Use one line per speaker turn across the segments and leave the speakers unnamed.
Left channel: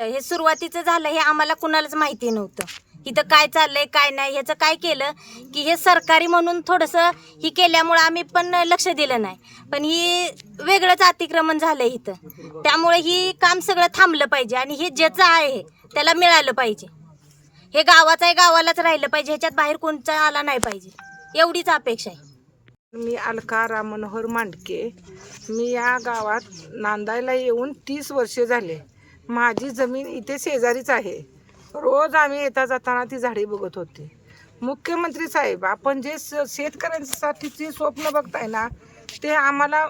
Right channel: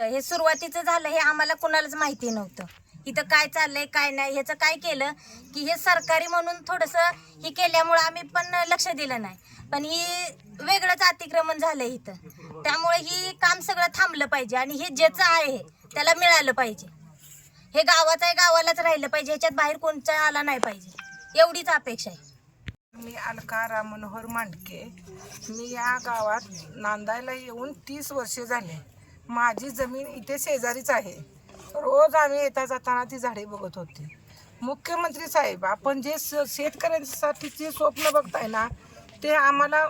हे सुरुवातीचं झालं हे आम्हाला कुणालाच माहिती नव्हतं. इथं काय चाललंय काय नाही ह्याचं काय केलं की हे सरकारी म्हणून थोडंसं ही केल्यामुळं आम्ही पण लक्ष दिलं नाही. पण ही वेगळंच अतिक्रमण झालं इथं. त्यामुळे ही काम सगळं थांबलं पाहिजे आणि हे ज्याचं आहे त्याला मिळालं पाहिजे. हे गावाचं आहे गावालाच राहिलं पाहिजे ह्याच्यात बाहेर कोणचा आला नाही पाहिजे. एवढीच अपेक्षा आहे.
मी अलका राम मनोहर मांडके. मी या गावात नांदायला येऊन तीस वर्षे झाले. माझी जमीन इथे शेजारीच आहे. रोज आम्ही येता जाताना ती झाडे बघत होती. मुख्यमंत्री साहेब आपण जे स शेतकऱ्यांसाठीचे स्वप्न बघताय ना ते आम्हाला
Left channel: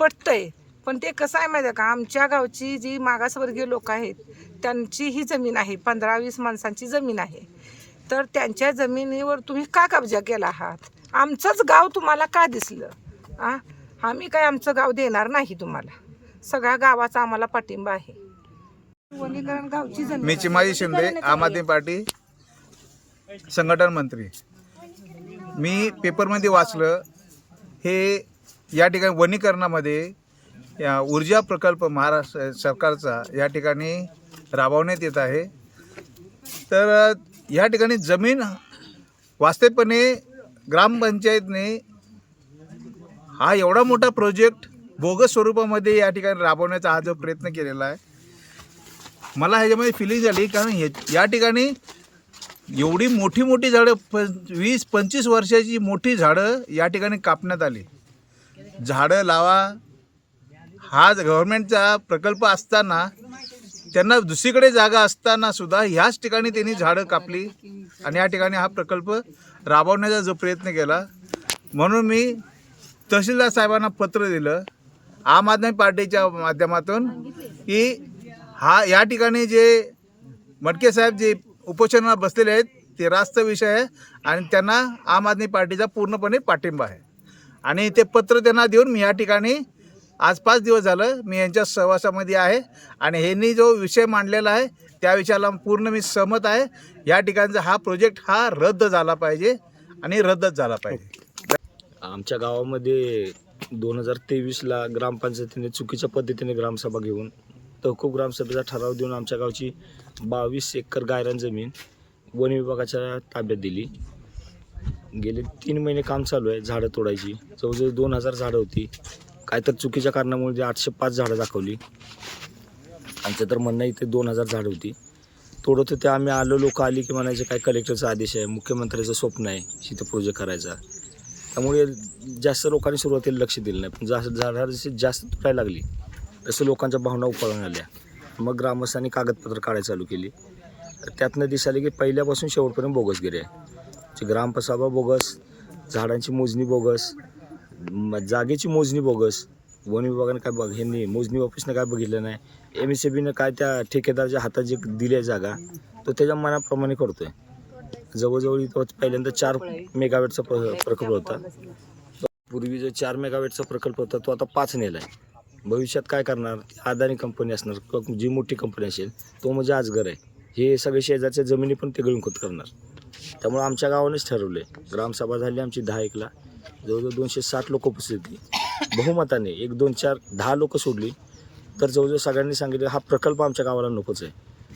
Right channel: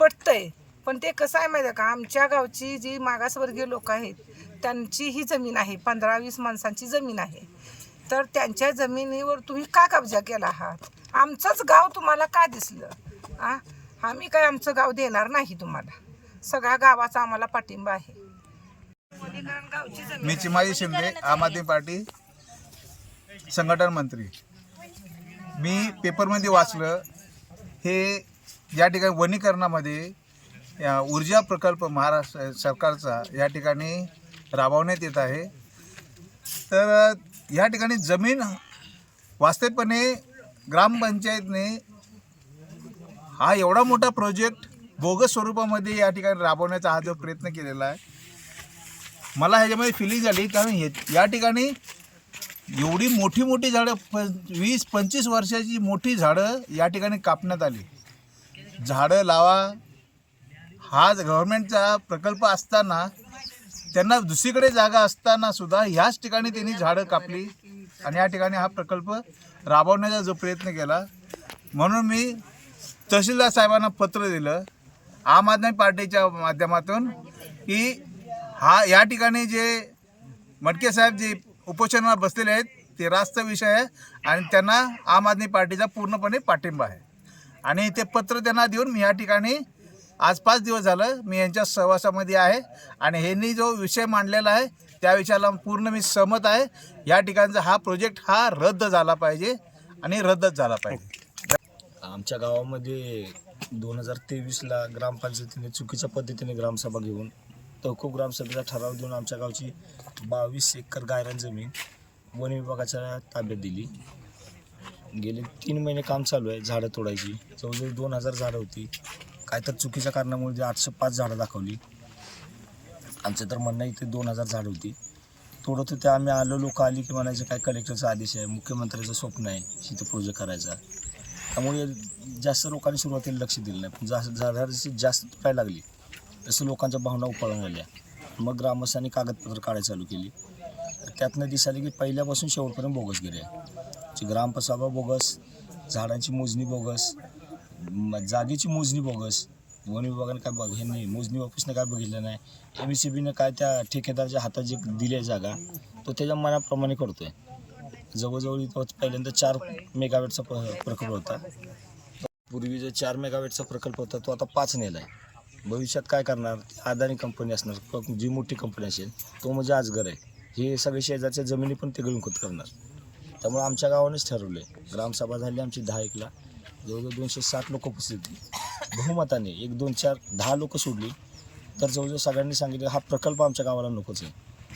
पटतंय. पण ते कसं आहे माहिती आहे का? आमच्या गावची जी मागासवर्गीय लोक आहेत त्यांची ही जमीन आहे. पंधरा वीस माणसांची जमीन आहे. तर त्यांच्या जमिनीवर तुम्ही का कब्जा केला आहात? आमचंच गाव तुम्हाला का दिसलं? आ? आम्ही काय आमचं गाव देणार नाही तुम्हाला. सगळ्या गावाचा आम्हाला पाठिंबा आहे.
मी चिमाजी शिंदे आम आदमी पार्टी संघटन मंत्री. मी पेपरमध्ये वाचलं हे या ठिकाणी वनीकरणामध्ये या ऊर्जा प्रकल्प महाराष्ट्र सरकारचा या ठिकाणी राबवण्यात येत आहे. तर या ठिकाणी जमीन वास्तविकपणे ग्रामपंचायतने हा एवढा मोठा प्रोजेक्ट बोगस स्वरूपामध्ये या ठिकाणी राबवण्याचा हा जो प्रयत्न केलेला आहे मला ह्याच्यामध्ये फिलिंग झाली कारण हे या ठिकाणी एवढी मोठी मोठी झाडं प वीस पंचवीस वर्षाची मोठी झाडं या ठिकाणी कापण्यात आली. झाडं लावा. हा गव्हर्मेंटचा प्रकल्प असताना त्यांना दुसरीकडे जागा असताना सुद्धा ह्याच ठिकाणी त्यांनी झाडं कापली. आणि या ठिकाणी हा प्रकल्प राबवण्याचा जो प्रयत्न केला. म्हणून मी तहसीलदार साहेबांना पत्र दिलं आम आदमी पार्टीच्या माध्यमातून की हा या ठिकाणी जे मटके साहेब जे उपोषणाला बसलेले आहेत ते रास्त विषय आहे आणि त्यांना आम आदमी पार्टीचा पूर्णपणे पाठिंबा आहे. आणि ते पत्र त्यांना देऊन मी या ठिकाणी आज पाच दिवस झालं मी यांच्या सहवासामध्ये आहे आणि ह्यांनी जो विषय मांडलेला आहे त्या विषयाला पूर्ण मी सहमत आहे. या ठिकाणचा हा प्रोजेक्ट हा रद्द झाला पाहिजे आणि रद्दच झाला पाहिजे.
आमच्या गावामध्ये दोन हजार तेवीसला ग्रामपंचायतीने चुकीच्या पद्धतीने ग्रामसभा घेऊन तहकूब ग्रामसभेचा ठराव देऊन आमच्या गावची बावीस एकर गायरान जमीन वन विभागाच्या ताब्यात दिली. गेले तीन महिने काम चालू आहे झाडं तोडायची. जवळजवळ दोन हजार झाडं होती. काय तर चुकीच्या कारणामुळे ते आठशे पाच झाडं दाखवली. आमचं तर म्हणणं इथे दोन हजार झाडं होती. तोडत होते आम्ही आलो लोक आली की म्हणायचे काय कलेक्टरचा आदेश आहे? मुख्यमंत्र्याचं स्वप्न आहे इथं प्रोजेक्ट करायचा. त्यामुळे जास्त लोकांनी सुरुवातीला लक्ष दिलं नाही. पण जास्त झाडं जशी जास्त तोडायला लागली. तसं लोकांच्या भावना उफाळून आल्या. मग ग्रामस्थांनी कागदपत्र काढायला चालू केली. तर त्यातनं दिसायला की पहिल्यापासून शेवटपर्यंत बोगसगिरी आहे. जी ग्रामपसाबा बोगस झाडांची मोजणी बोगस जागेची मोजणी बोगस वन विभागाने काय बघ ह्यांनी मोजणी ऑफिसनं काय बघितलं नाही एम एस बीनं काय त्या ठेकेदारच्या हातात जे दिली आहे जागा तो त्याच्या मनाप्रमाणे करतो आहे जवळजवळ इथं पहिल्यांदा चार मेगावेटचा प्र प्रकल्प होता. पूर्वी जो चार मेगावेटचा प्रकल्प होता तो आता पाच नेला आहे भविष्यात काय करणार? अदानी कंपनी असणार किंवा जी मोठी कंपनी असेल तो म्हणजे आजगर आहे. हे सगळे शेजारच्या जमिनी पण ते गळूनखत करणार. त्यामुळे आमच्या गावानेच ठरवलं आहे ग्रामसभा झाली आमची दहा एकला. जवळजवळ दोनशे साठ लोक उपस्थित बहुमताने एक दोन चार दहा लोक सोडली. तर जवळजवळ सगळ्यांनी सांगितलं हा प्रकल्प आमच्या गावाला नकोच आहे.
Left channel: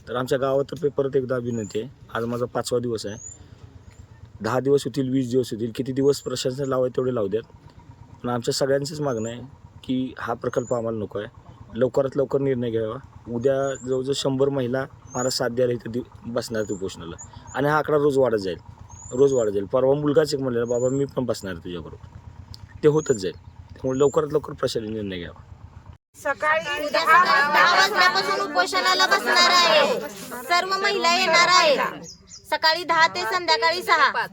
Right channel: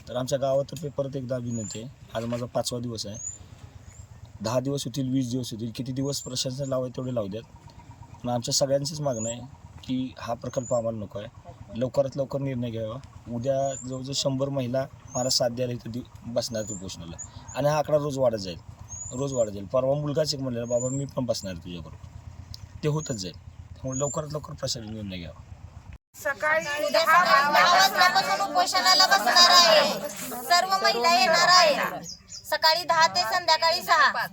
तर आमच्या गावातर्फे परत एकदा विनंती आहे. आज माझा पाचवा दिवस आहे. दहा दिवस होतील वीस दिवस होतील. किती दिवस प्रशासन लावाय तेवढे लावू द्यात. पण आमच्या सगळ्यांचीच मागणं आहे. की हा प्रकल्प आम्हाला नको आहे. लवकरात लवकर निर्णय घ्यावा. उद्या जवळजवळ शंभर महिला मला साथ द्यायला इथं दि बसणार उपोषणाला. आणि हा आकडा रोज वाढत जाईल. रोज वाढत जाईल. परवा मुलगाच एक म्हणलेला बाबा मी पण बसणार आहे तुझ्याबरोबर. ते होतच जाईल. त्यामुळे लवकरात लवकर प्रशासन निर्णय घ्यावा.
सकाळी
उद्या सकाळी दहा वाजल्यापासून उपोषणाला बसणार आहे. सर्व महिला येणार आहेत. सकाळी दहा ते संध्याकाळी सहा.